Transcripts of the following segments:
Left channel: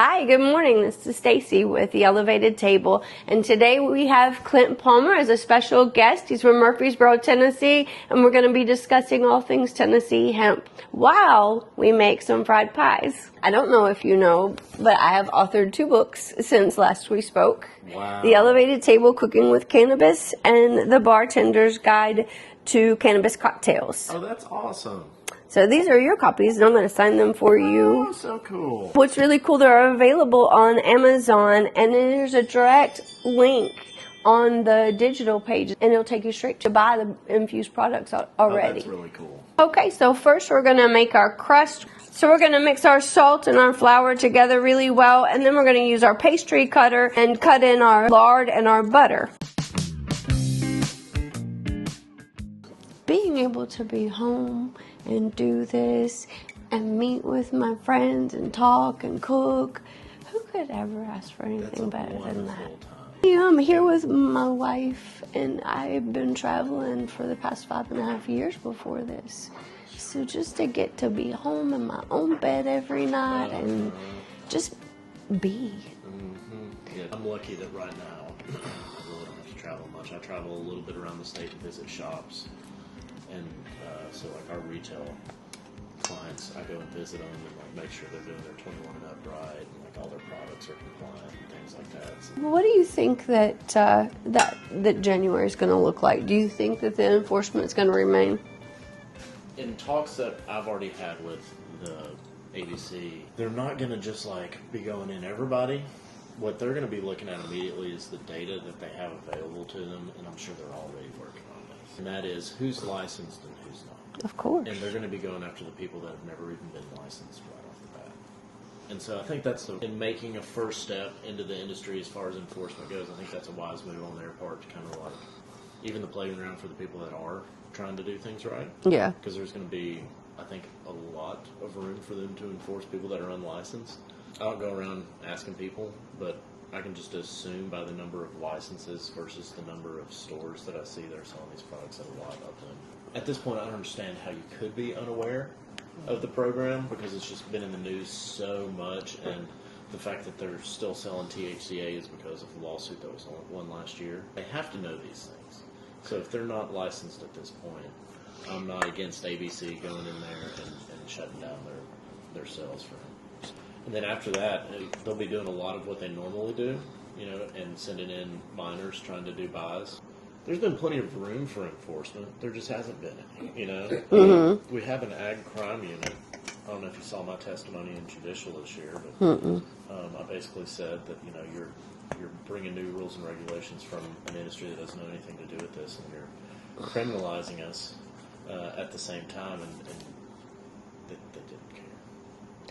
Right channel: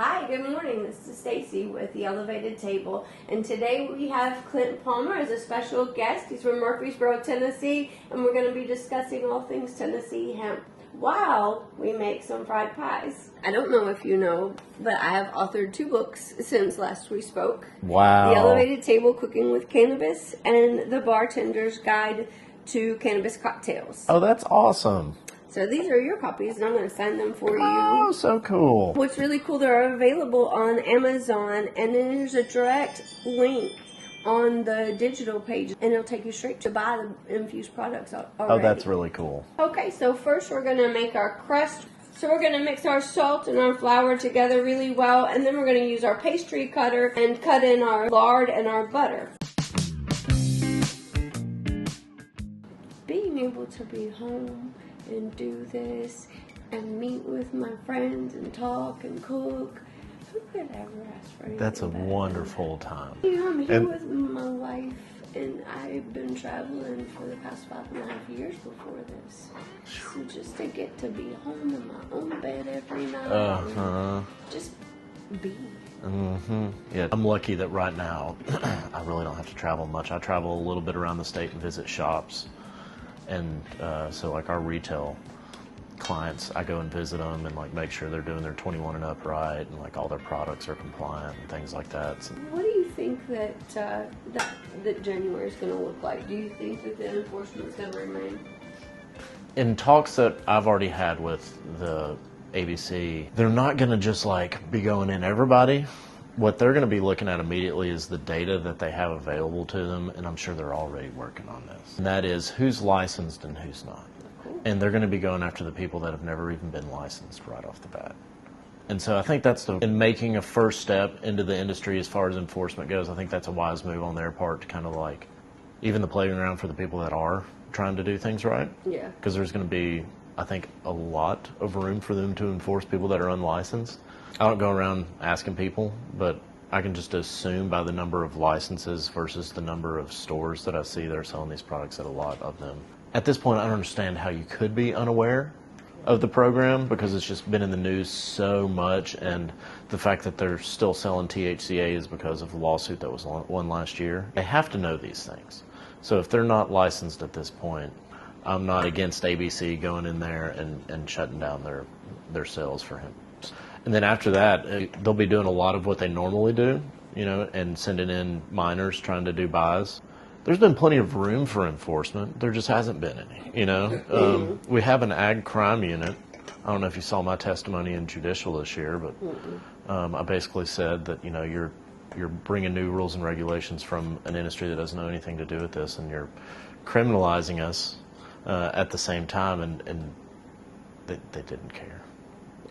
Hi, good morning. This is Stacy with The Elevated Table, and today we have Clint Palmer as a special guest. He's from Murfreesboro, Tennessee, and we're going to be discussing all things Tennessee hemp while we make some fried pies. I don't know if you know, but I have authored 2 books since last we spoke. Wow. The Elevated Table, Cooking with Cannabis, and The Bartender's Guide to Cannabis Cocktails. Oh, that's awesome. So these are your copies, and I'm going to sign them for you. Oh, so cool. What's really cool, they're available on Amazon, and then there's a direct link on the digital page, and it'll take you straight to buy the infused products already. Oh, that's really cool. Okay, so first we're going to make our crust. So we're going to mix our salt and our flour together really well, and then we're going to use our pastry cutter and cut in our lard and our butter. Being able to be home and do this and meet with my friends and talk and cook, who could ever ask for anything better? That's a wonderful time. Yeah, I'm here with my wife, and I've been traveling for the past 5.5 years before this. So just to get to be home in my own bed every night and just be. Yeah, I'm lucky that right now I really don't have to travel much. I travel a little bit around the state and visit shops. And so like our retail clients, I go and visit them and like make sure they're doing their 21 and up right, and like all their products are compliant and things like that. So, what do you think that that January is going to look like? Do you think that the enforcement is going to remain? in talks that I've already had with the ABC, they're not going to just like be going in everybody. What they're going to be looking at immediately is the data that they have available to them, and I'm sure they're already working on this. And that is who's licensed and who's not. Of course. And they're going to be going after the people that have never even been licensed right off the bat. And so I think that's in making a first step into the industry as far as enforcement goes, I think that's a wise move on their part to kind of like even the playground for the people that are trying to do things right. Yeah. Because there's going to be, I think, a lot of room for them to enforce people that are unlicensed. I don't go around asking people, but I can just assume by the number of licenses versus the number of stores that I see that are selling these products that a lot of them. At this point, I don't understand how you could be unaware of the program because it's just been in the news so much, and the fact that they're still selling THCA is because of the lawsuit that was won last year. They have to know these things. So if they're not licensed at this point, I'm not against ABC going in there and shutting down their sales for him. And then after that, they'll be doing a lot of what they normally do, you know, and sending in minors trying to do buys. There's been plenty of room for enforcement. There just hasn't been any, you know. We have an ag crime unit. I don't know if you saw my testimony in judicial this year, but I basically said that, you know, you're bringing new rules and regulations from an industry that doesn't know anything to do with this, and you're criminalizing us at the same time, and they didn't care.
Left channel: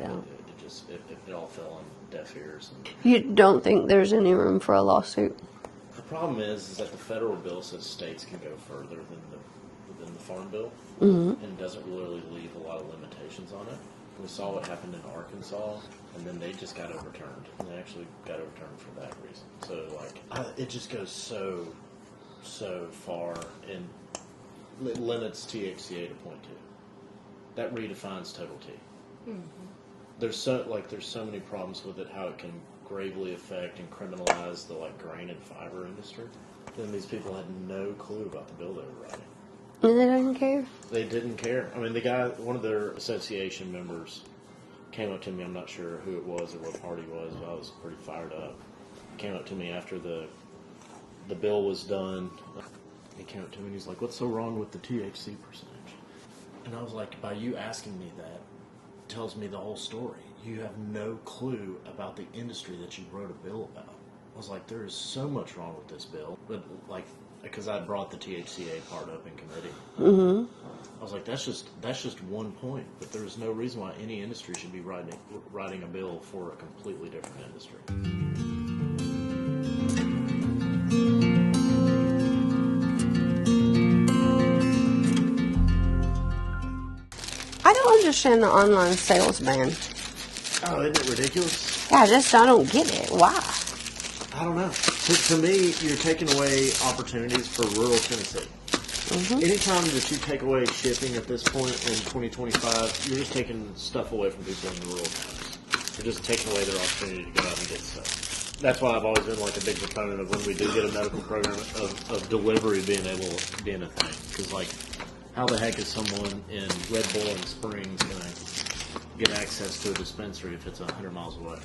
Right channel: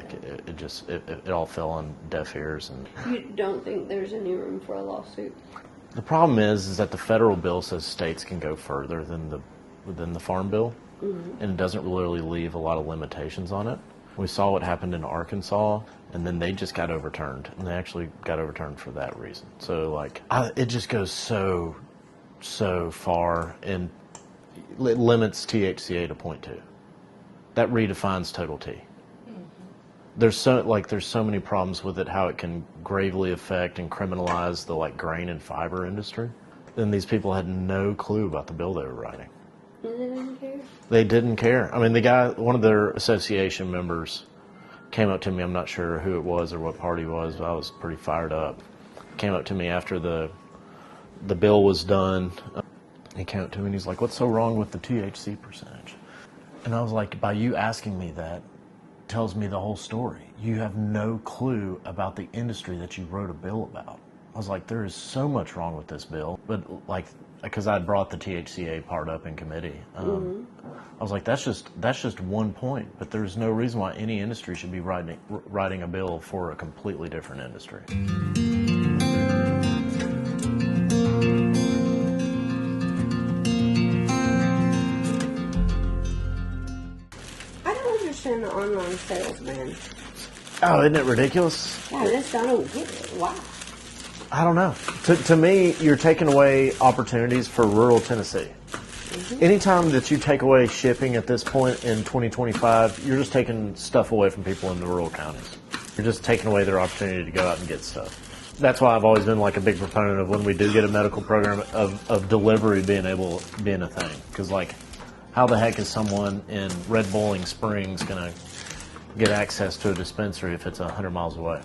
Like it all fell on deaf ears. And You don't think there's any room for a lawsuit? the problem is that the federal bill says states can go further than the farm bill, and it doesn't really leave a lot of limitations on it. We saw what happened in Arkansas, and then they just got overturned, and they actually got overturned for that reason. So like it just goes so far, and it limits THCA to 0.2. That redefines total T. There's so many problems with it, how it can gravely affect and criminalize the like grain and fiber industry. And these people had no clue about the bill they were writing. And they didn't care? They didn't care. I mean, the guy, one of their association members came up to me, I'm not sure who it was or what party it was, but I was pretty fired up. Came up to me after the bill was done. He came up to me and he's like, "What's so wrong with the THC percentage?" And I was like, by you asking me that, tells me the whole story. You have no clue about the industry that you wrote a bill about. I was like, there is so much wrong with this bill, but like, because I brought the THCA part up in committee, I was like, that's just one point, but there's no reason why any industry should be writing a bill for a completely different industry. I don't understand the online sales ban. Oh, isn't it ridiculous? Yeah, I don't get it. Why? I don't know. To me, you're taking away opportunities for rural Tennessee. Anytime that you take away shipping at this point in 2025, you're just taking stuff away from people in the rural counties. You're just taking away their opportunity to go out and get stuff. That's why I've always been like a big proponent of when we do get a medical program of delivery being a thing. Because like, how the heck is someone in Red Bowling Springs gonna get access to a dispensary if it's 100 miles away?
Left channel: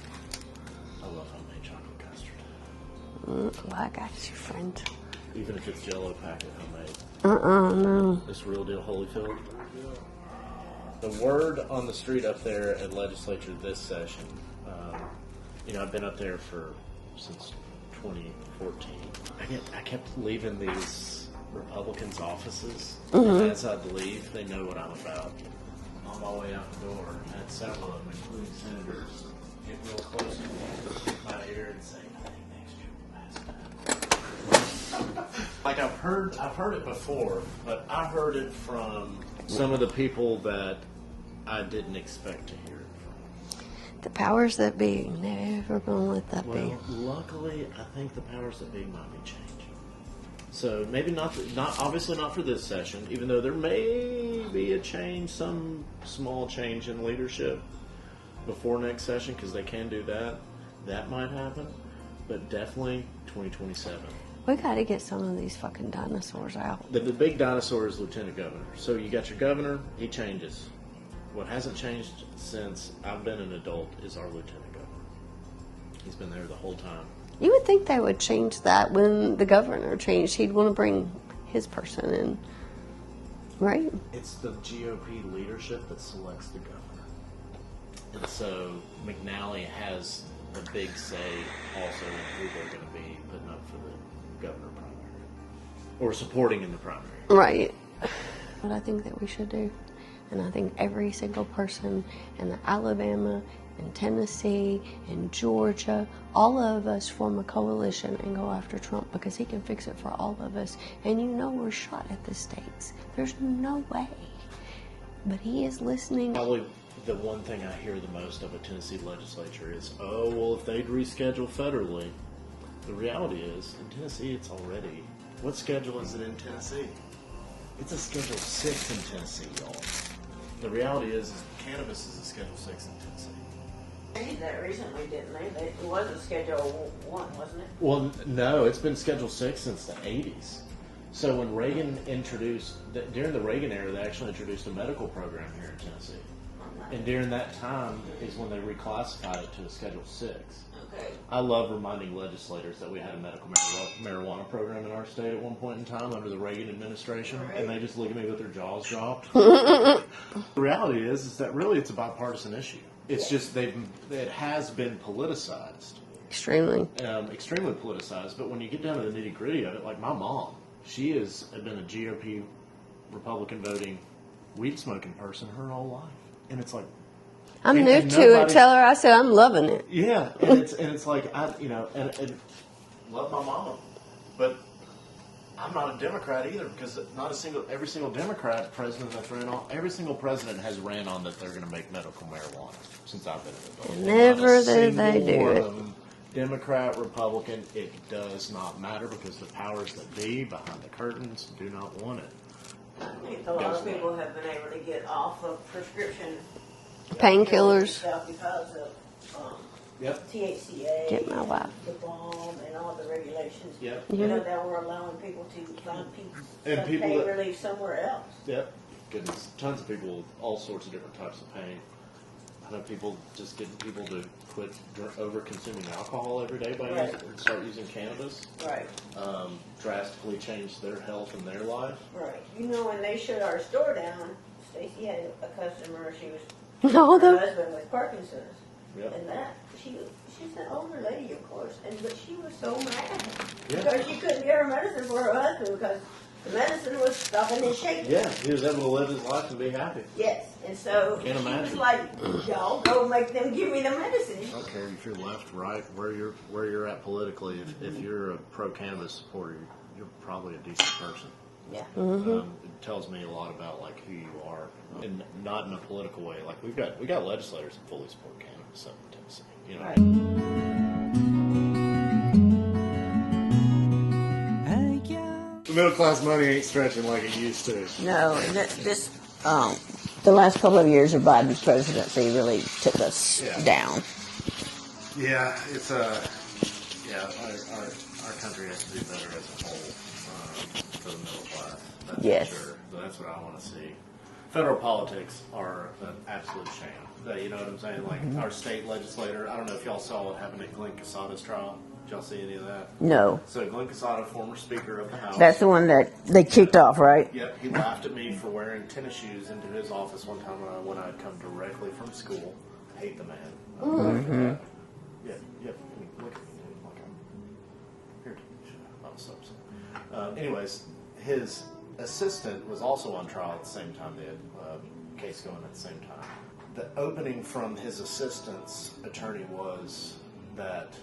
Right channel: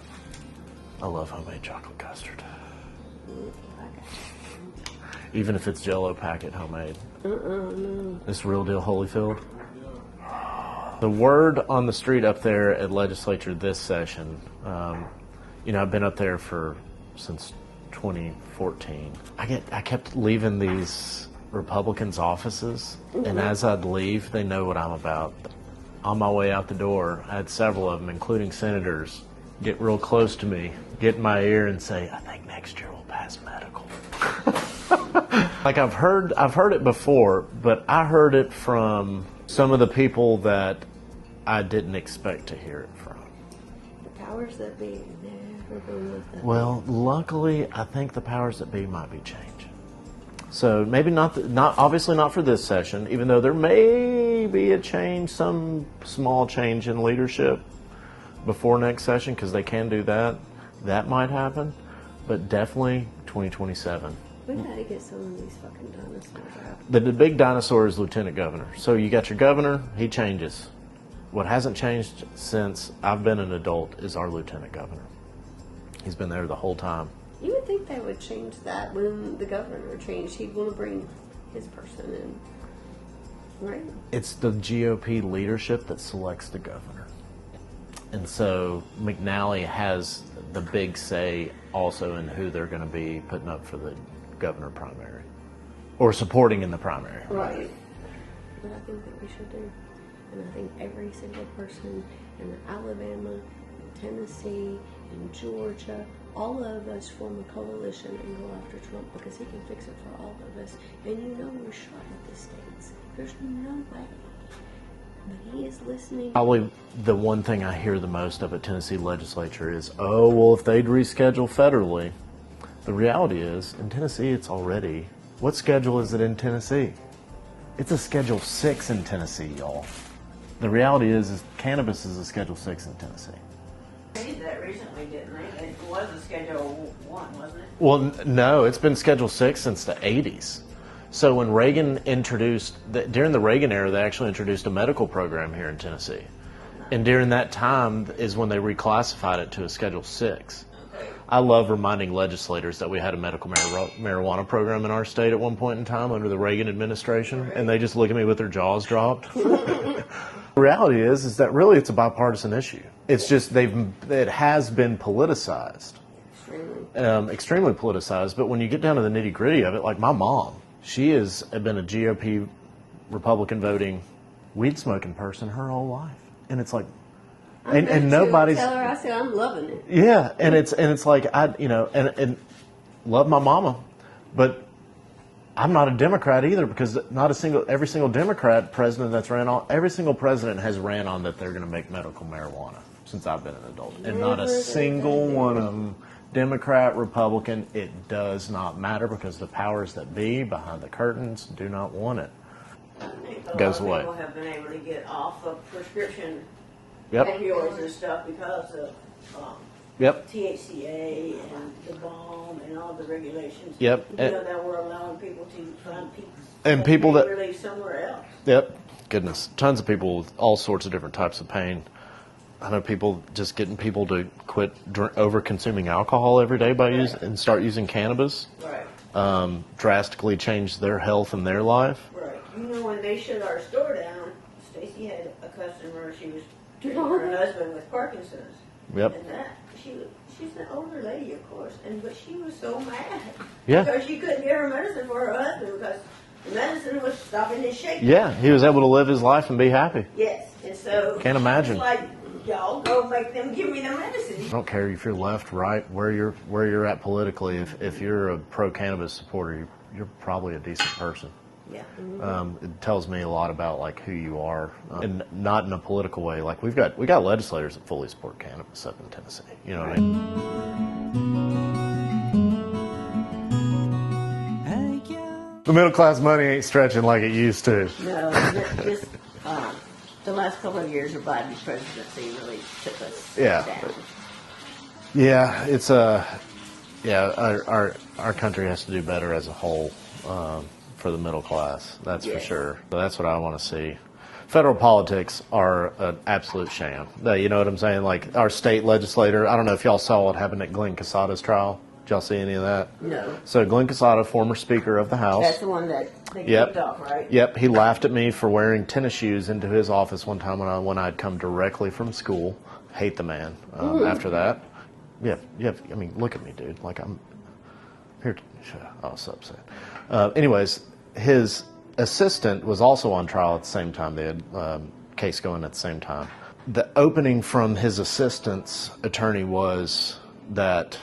I love homemade chocolate custard. I got you, friend. Even if it's Jell-O packet homemade. No. This real deal Holyfield. The word on the street up there at Legislature this session, I've been up there since 2014. I kept leaving these Republicans' offices, and as I'd leave, they know what I'm about. On my way out the door, I had several of them, including senators, get real close to me, get in my ear and say, I think next year we'll pass medical. Like I've heard it before, but I heard it from some of the people that I didn't expect to hear it from. The powers that be never gonna let that Well, be. luckily, I think the powers that be might be changing. So maybe not obviously not for this session, even though there may be a change, some small change in leadership before next session, because they can do that. That might happen, but definitely 2027. We gotta get some of these fucking dinosaurs out. The big dinosaur is lieutenant governor. So you got your governor, he changes. What hasn't changed since I've been an adult is our lieutenant governor. He's been there the whole time. You would think they would change that when the governor changed. He'd want to bring his person in, right? It's the GOP leadership that selects the governor. And so McNally has the big say also in who they're going to be putting up for the governor primary or supporting in the primary. Right. What I think that we should do. And I think every single person in Alabama, in Tennessee, in Georgia, all of us form a coalition and go after Trump because he can fix it for all of us. And you know we're shot at the states. There's no way. But he is listening. Probably the one thing I hear the most of at Tennessee legislature is, oh, well, if they'd reschedule federally. The reality is, in Tennessee, it's already. What schedule is it in Tennessee? It's a Schedule 6 in Tennessee, y'all. The reality is cannabis is a Schedule 6 in Tennessee. They did that recently, didn't they? It was a Schedule 1, wasn't it? Well, no, it's been Schedule 6 since the 80s. So when Reagan during the Reagan era, they actually introduced a medical program here in Tennessee. And during that time is when they reclassified it to a Schedule 6. I love reminding legislators that we had a medical marijuana program in our state at one point in time under the Reagan administration, and they just look at me with their jaws dropped. The reality is that really it's a bipartisan issue. It's just it has been politicized. Extremely. Extremely politicized, but when you get down to the nitty gritty of it, like my mom, she has been a GOP Republican voting, weed smoking person her whole life. And it's like, I'm new to it. Tell her I said I'm loving it. Yeah, and it's like and love my mama, but I'm not a Democrat either because every single Democrat president that's ran on, every single president has ran on that they're going to make medical marijuana since I've been an adult. And not a single one of them, Democrat, Republican, it does not matter because the powers that be behind the curtains do not want it. I think a Goes lot away. of people have been able to get off of prescription Painkillers. stuff because of THCA, Get my wife. the balm, and all the regulations. Yep. You know that were allowing people to find And people that- relief somewhere else. Yep. Goodness. Tons of people with all sorts of different types of pain. I know people just getting people to quit over consuming alcohol every day and start using cannabis. Right. Drastically change their health and their life. Right. You know, when they shut our store down, Stacy had a customer. She was No, her husband with Parkinson's. Yep. And that she's an older lady, of course, but she was so mad. Yeah. Because she couldn't get her medicine for her husband because the medicine was stopping his shaking. Yeah, he was able to live his life and be happy. Yes, and so Can't imagine. It's like, y'all go make them give me the medicine. I don't care if you're left, right, where you're at politically. If you're a pro-cannabis supporter, you're probably a decent person. Yeah. It tells me a lot about like who you are, and not in a political way. Like we got legislators that fully support cannabis up in Tennessee. You know what I mean? The middle class money ain't stretching like it used to. No, the last couple of years of Biden's presidency really took us down. Yeah, it's our country has to do better as a whole for the middle class. That's Yes. for sure. So that's what I want to see. Federal politics are an absolute sham. You know what I'm saying? Like our state legislator. I don't know if y'all saw what happened at Glenn Quesada's trial. Did y'all see any of that? No. So Glenn Quesada, former Speaker of the House. That's the one that they kicked off, right? Yep. He laughed at me for wearing tennis shoes into his office one time when I'd come directly from school. Hate the man. After that, yeah. I mean, look at me, dude. Like I'm here. I was so upset. Anyways, his assistant was also on trial at the same time. They had case going at the same time. The opening from his assistant's attorney was that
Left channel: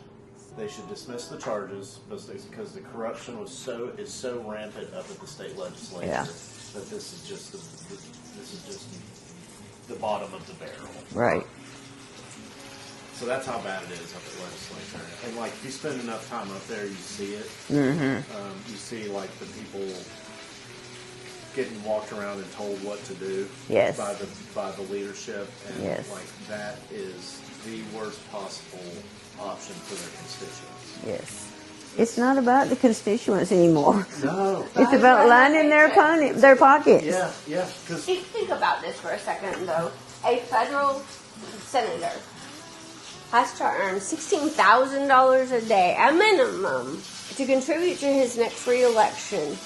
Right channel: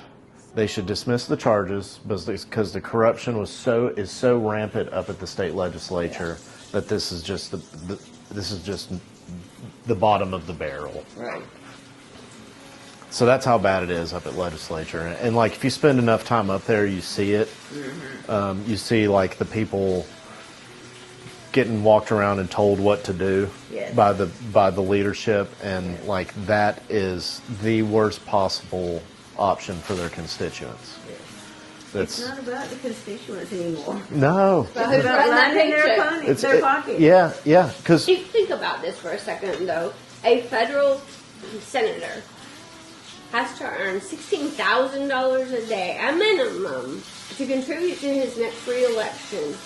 they should dismiss the charges because the corruption is so rampant up at the state legislature that this is just the bottom of the barrel. Right. So that's how bad it is up at legislature. And like if you spend enough time up there, you see it. Mm-hmm. You see like the people getting walked around and told what to do by the leadership, and like that is the worst possible option for their constituents. Yes. It's not about the constituents anymore. No. It's about lining their pockets. Yeah. Because Think about this for a second, though. A federal senator has to earn $16,000 a day, a minimum, to contribute to his next reelection.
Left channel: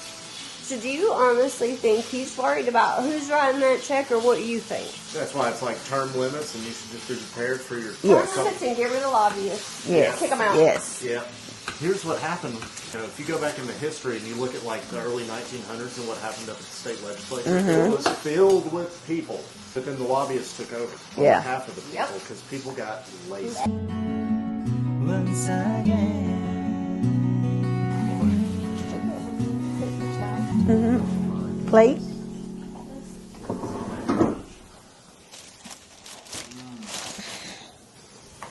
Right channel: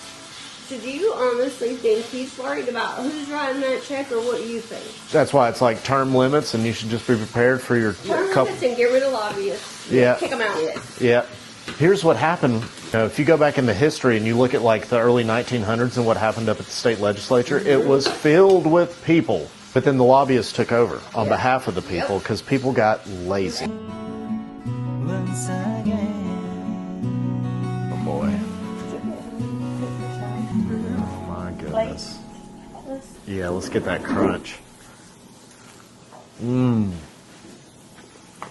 So do you honestly think he's worried about who's writing that check, or what do you think? that's why it's like term limits, and you should just be prepared for your Term couple. limits and get rid of lobbyists. Yeah. Kick them out. Yes. Yeah. Here's what happened. If you go back into history and you look at like the early 1900s and what happened up at the state legislature, it was filled with people. But then the lobbyists took over on behalf of the people because people got lazy. Once again. Plate? Yeah, let's get that crunch.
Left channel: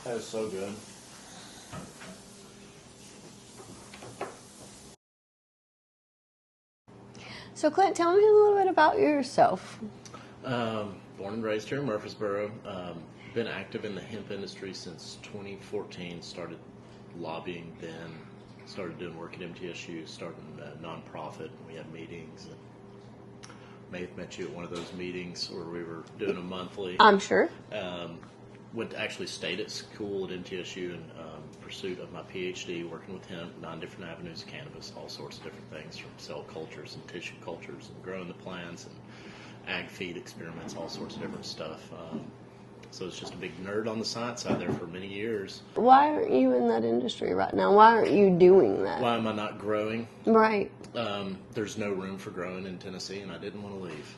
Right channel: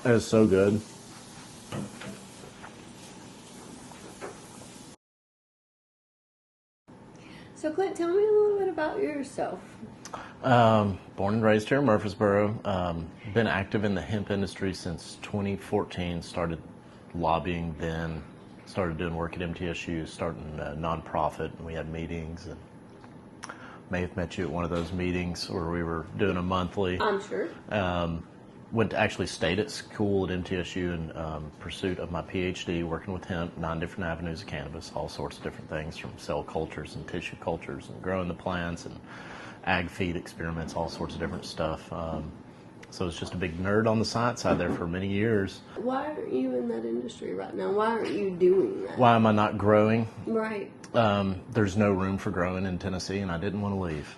That is so good. So, Clint, tell me a little bit about yourself. Born and raised here in Murfreesboro. Been active in the hemp industry since 2014. Started lobbying then. Started doing work at MTSU, starting a nonprofit, and we had meetings. And may have met you at one of those meetings where we were doing a monthly. I'm sure. Actually stayed at school at MTSU in pursuit of my PhD, working with hemp, 9 different avenues of cannabis, all sorts of different things, from cell cultures and tissue cultures and growing the plants and ag feed experiments, all sorts of different stuff. So it's just a big nerd on the science side there for many years. Why aren't you in that industry right now? Why aren't you doing that? Why am I not growing? Right. There's no room for growing in Tennessee, and I didn't want to leave.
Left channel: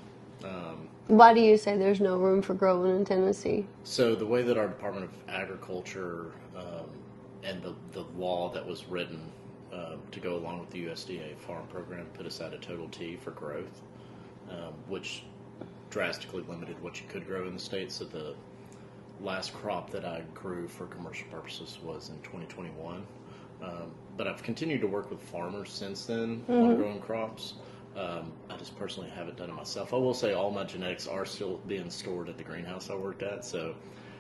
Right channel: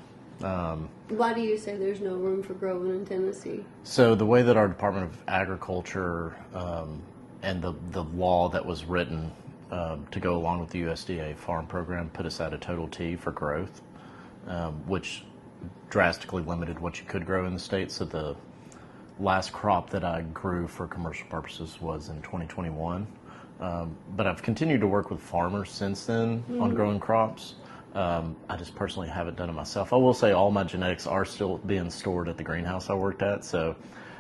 Why do you say there's no room for growing in Tennessee? So the way that our Department of Agriculture and the law that was written to go along with the USDA farm program put us at a total T for growth, which drastically limited what you could grow in the state. So the last crop that I grew for commercial purposes was in 2021. But I've continued to work with farmers since then on growing crops. I just personally haven't done it myself. I will say all my genetics are still being stored at the greenhouse I worked at. So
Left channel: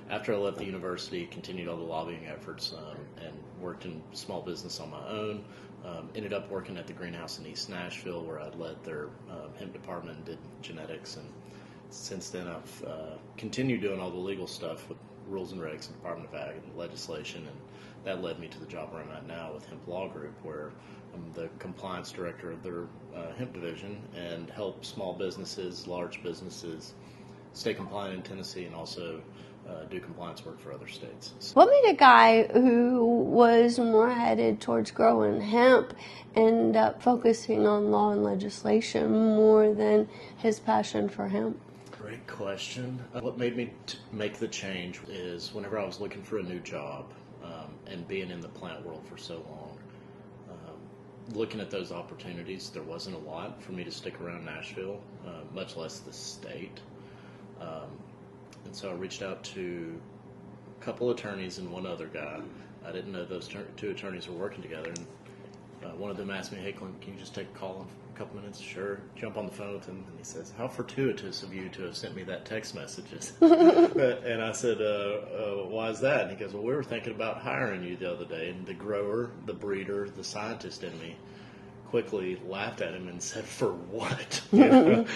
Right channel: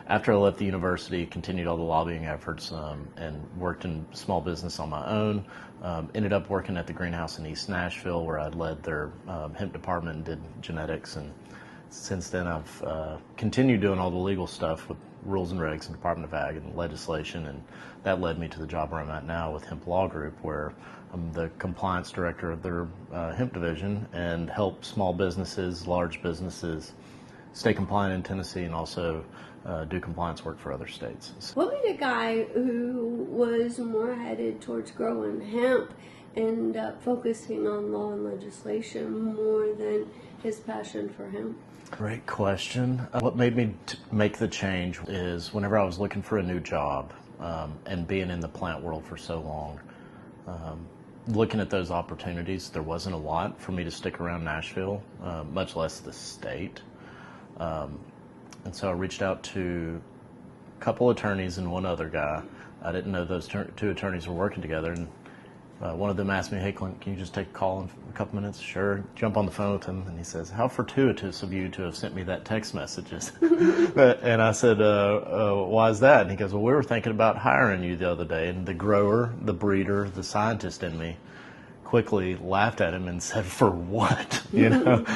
after I left the university, continued all the lobbying efforts and worked in small business on my own. Ended up working at the greenhouse in East Nashville, where I'd led their hemp department and did genetics. And since then, I've continued doing all the legal stuff with rules and regs and Department of Ag and legislation. And that led me to the job where I'm at now with Hemp Law Group, where I'm the compliance director of their hemp division and help small businesses, large businesses stay compliant in Tennessee and also do compliance work for other states. What made a guy who was more headed towards growing hemp end up focusing on law and legislation more than his passion for hemp? Great question. What made me make the change is whenever I was looking for a new job and being in the plant world for so long, looking at those opportunities, there wasn't a lot for me to stick around Nashville, much less the state. And so I reached out to a couple attorneys and one other guy. I didn't know those two attorneys were working together. And One of them asked me, "Hey, Clint, can you just take a call in a couple minutes?" Sure. Jump on the phone with him, and he says, "How fortuitous of you to have sent me that text messages." And I said, "Why is that?" And he goes, "Well, we were thinking about hiring you the other day." And the grower, the breeder, the scientist in me quickly laughed at him and said, "For what?" You know.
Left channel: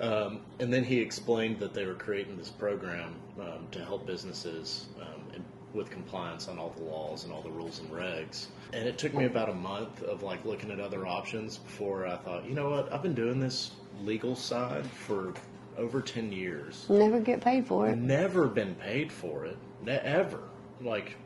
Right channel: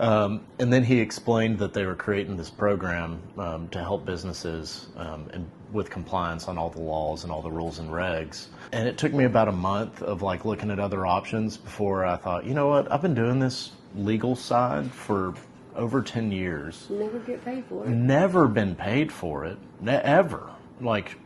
And then he explained that they were creating this program to help businesses with compliance on all the laws and all the rules and regs. And it took me about a month of like looking at other options before I thought, you know what, I've been doing this legal side for over 10 years. Never get paid for it. Never been paid for it, ever. Like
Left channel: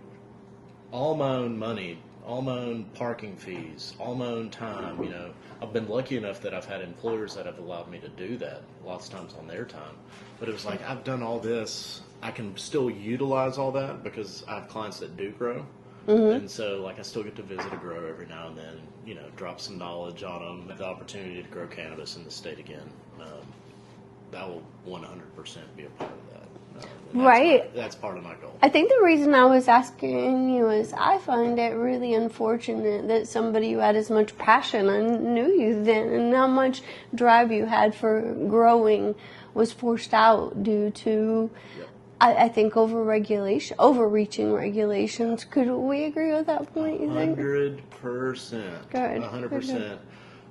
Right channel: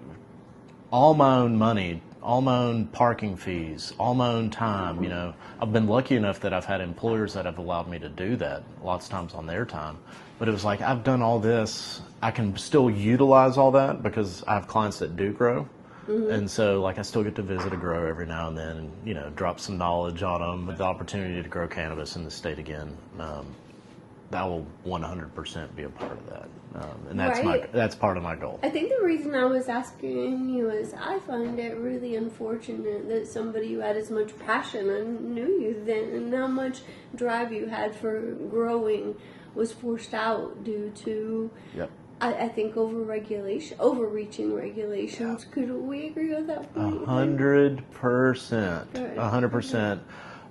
all my own money, all my own parking fees, all my own time, you know. I've been lucky enough that I've had employers that have allowed me to do that, lots of times on their time. But it was like, I've done all this. I can still utilize all that because I have clients that do grow. And so, like, I still get to visit a grower every now and then and, you know, drop some knowledge on them. With the opportunity to grow cannabis in the state again, that will 100% be a part of that. And that's Right. That's part of my goal. I think the reason I was asking you is I find it really unfortunate that somebody who had as much passion, I knew you then, and how much drive you had for growing was forced out due to, Yep. I think, overreaching regulations. Could we agree with that point? you think? 100%. Good. 100%.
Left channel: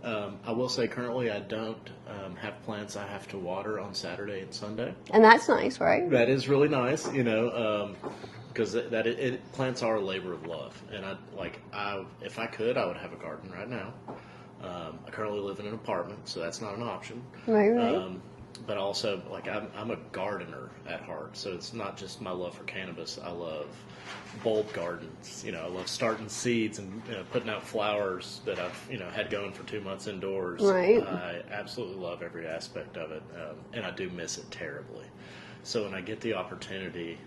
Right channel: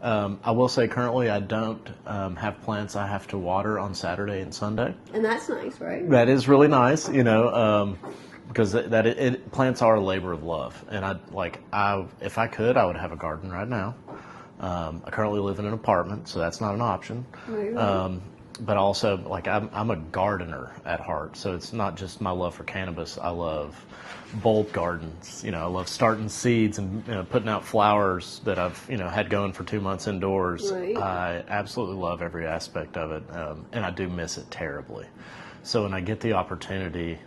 I will say currently I don't have plants I have to water on Saturday and Sunday. And that's nice, right? That is really nice, you know, because plants are a labor of love. And if I could, I would have a garden right now. I currently live in an apartment, so that's not an option. Right. But also, like, I'm a gardener at heart, so it's not just my love for cannabis. I love bulb gardens. You know, I love starting seeds and putting out flowers that I've had going for 2 months indoors. Right. I absolutely love every aspect of it, and I do miss it terribly. So when I get the opportunity,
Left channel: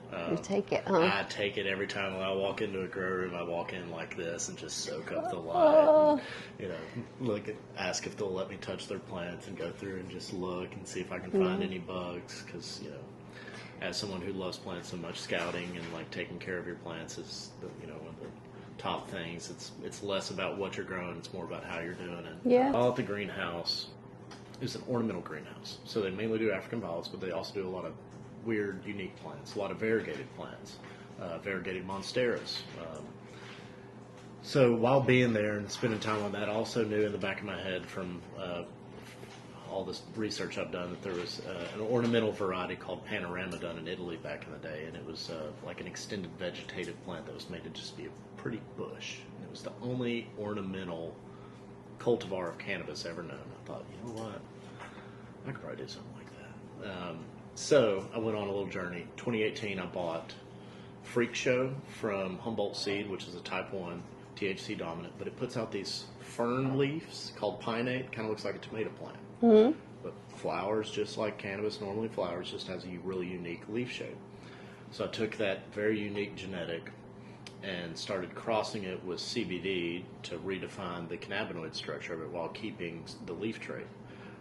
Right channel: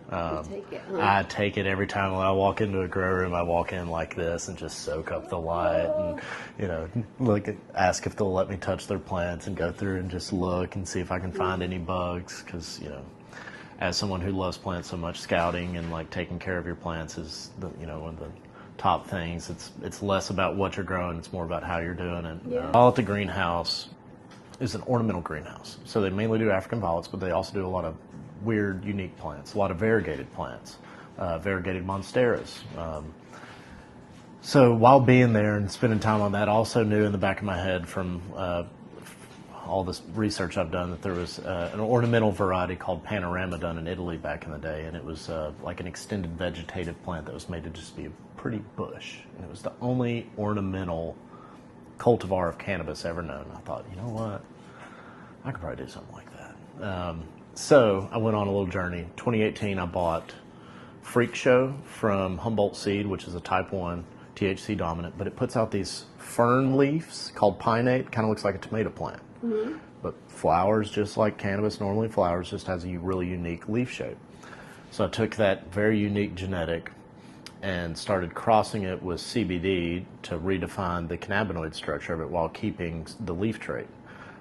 take it, huh? I take it every time. When I walk into a grow room, I walk in like this and just soak up the light, and ask if they'll let me touch their plants and go through and just look and see if I can find any bugs. Because as someone who loves plants so much, scouting and like taking care of your plants is one of the top things. It's less about what you're growing; it's more about how you're doing it. Yeah. All at the greenhouse is an ornamental greenhouse, so they mainly do African violets, but they also do a lot of weird, unique plants, a lot of variegated plants, variegated monsteras. So while being there and spending time on that, I also knew in the back of my head from all this research I've done that there was an ornamental variety called Panorama done in Italy back in the day, and it was like an extended vegetative plant that was made to just be a pretty bush. And it was the only ornamental cultivar of cannabis ever known. I thought, you know what, I could probably do something like that. So I went on a little journey. 2018, I bought Freak Show from Humboldt Seed, which is a type 1 THC dominant, but it puts out these fern leaves called pinnate. Kind of looks like a tomato plant, but flowers just like cannabis normally flowers, just has a really unique leaf shape. So I took that very unique genetic and started crossing it with CBD to redefine the cannabinoid structure of it while keeping the leaf trait.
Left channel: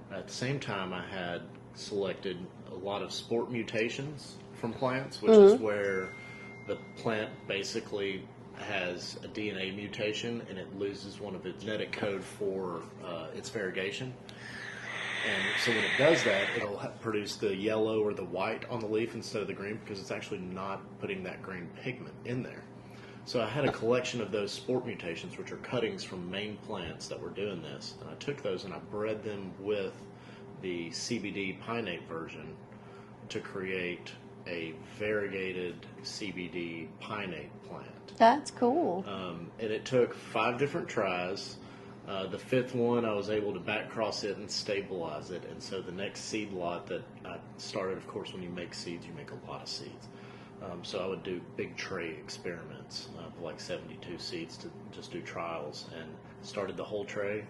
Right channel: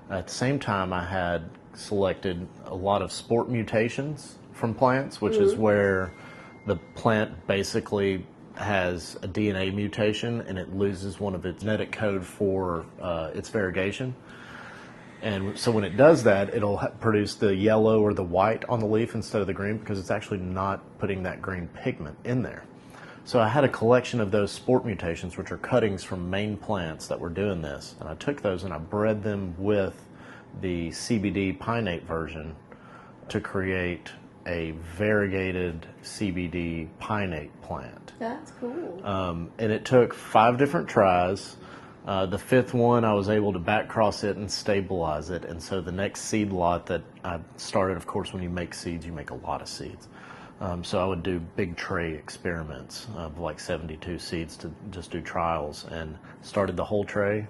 At the same time, I had selected a lot of sport mutations from plants, which is where the plant basically has a DNA mutation and it loses one of its genetic code for its variegation. And so when it does that, it'll produce the yellow or the white on the leaf instead of the green, because it's actually not putting that green pigment in there. So I had a collection of those sport mutations, which are cuttings from main plants that were doing this. And I took those and I bred them with the CBD pinnate version to create a variegated CBD pinnate plant. That's cool. And it took 5 different tries. The 5th one, I was able to back cross it and stabilize it. And so the next seed lot that I started, of course, when you make seeds, you make a lot of seeds. So I would do big tray experiments of like 72 seeds to just do trials, and started the whole tray.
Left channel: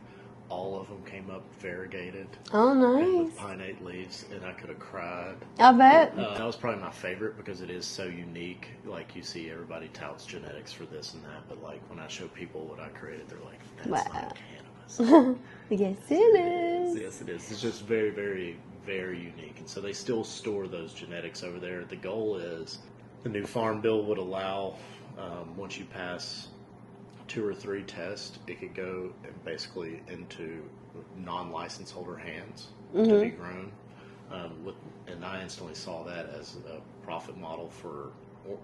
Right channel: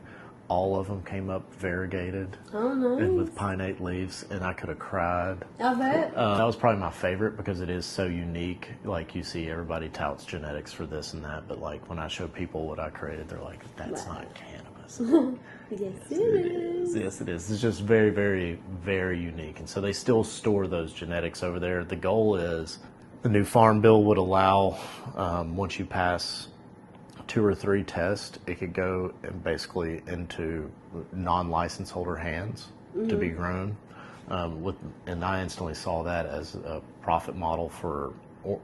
All of them came up variegated and with pinnate leaves, and I could have cried. I bet. That was probably my favorite because it is so unique. Like, you see everybody touts genetics for this and that, but like when I show people what I created, they're like, that's not cannabis. Yes, it is. Yes, it is. It's just very, very, very unique. And so they still store those genetics over there. The goal is the new farm bill would allow, once you pass 2 or 3 tests, it could go basically into non-license holder hands to be grown. And I instantly saw that as a profit model for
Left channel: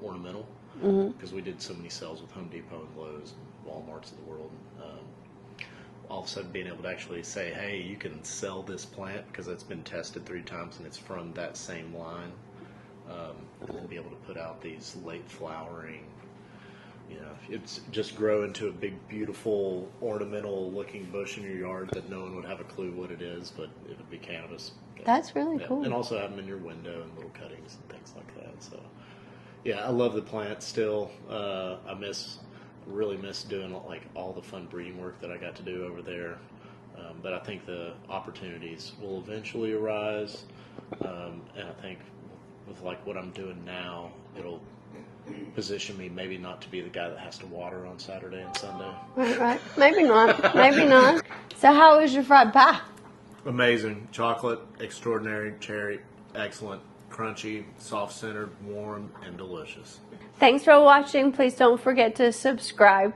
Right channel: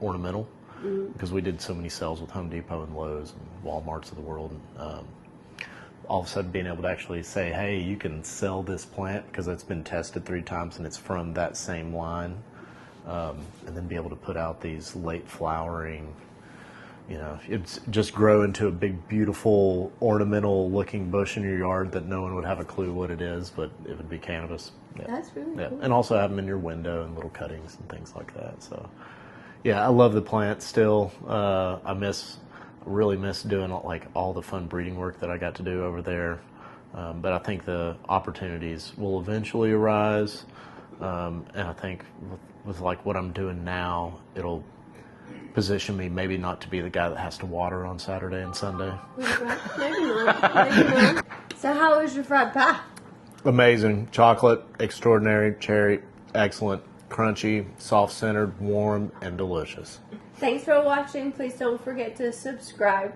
ornamental, because we did so many sales with Home Depot and Lowe's and Walmarts of the world. All of a sudden being able to actually say, hey, you can sell this plant because it's been tested 3 times and it's from that same line, and then be able to put out these late flowering, it's just grow into a big, beautiful, ornamental looking bush in your yard that no one would have a clue what it is, but it would be cannabis. Yeah. That's really cool. And also have them in your window and little cuttings and things like that. So, yeah, I love the plant still. I really miss doing all the fun breeding work that I got to do over there. But I think the opportunities will eventually arise. And I think with what I'm doing now, it'll position me maybe not to be the guy that has to water on Saturday and Sunday. Right. Maybe not. So how was your fried pie? Amazing. Chocolate, extraordinary. Cherry, excellent. Crunchy, soft-centered, warm, and delicious. Thanks for watching. Please don't forget to subscribe.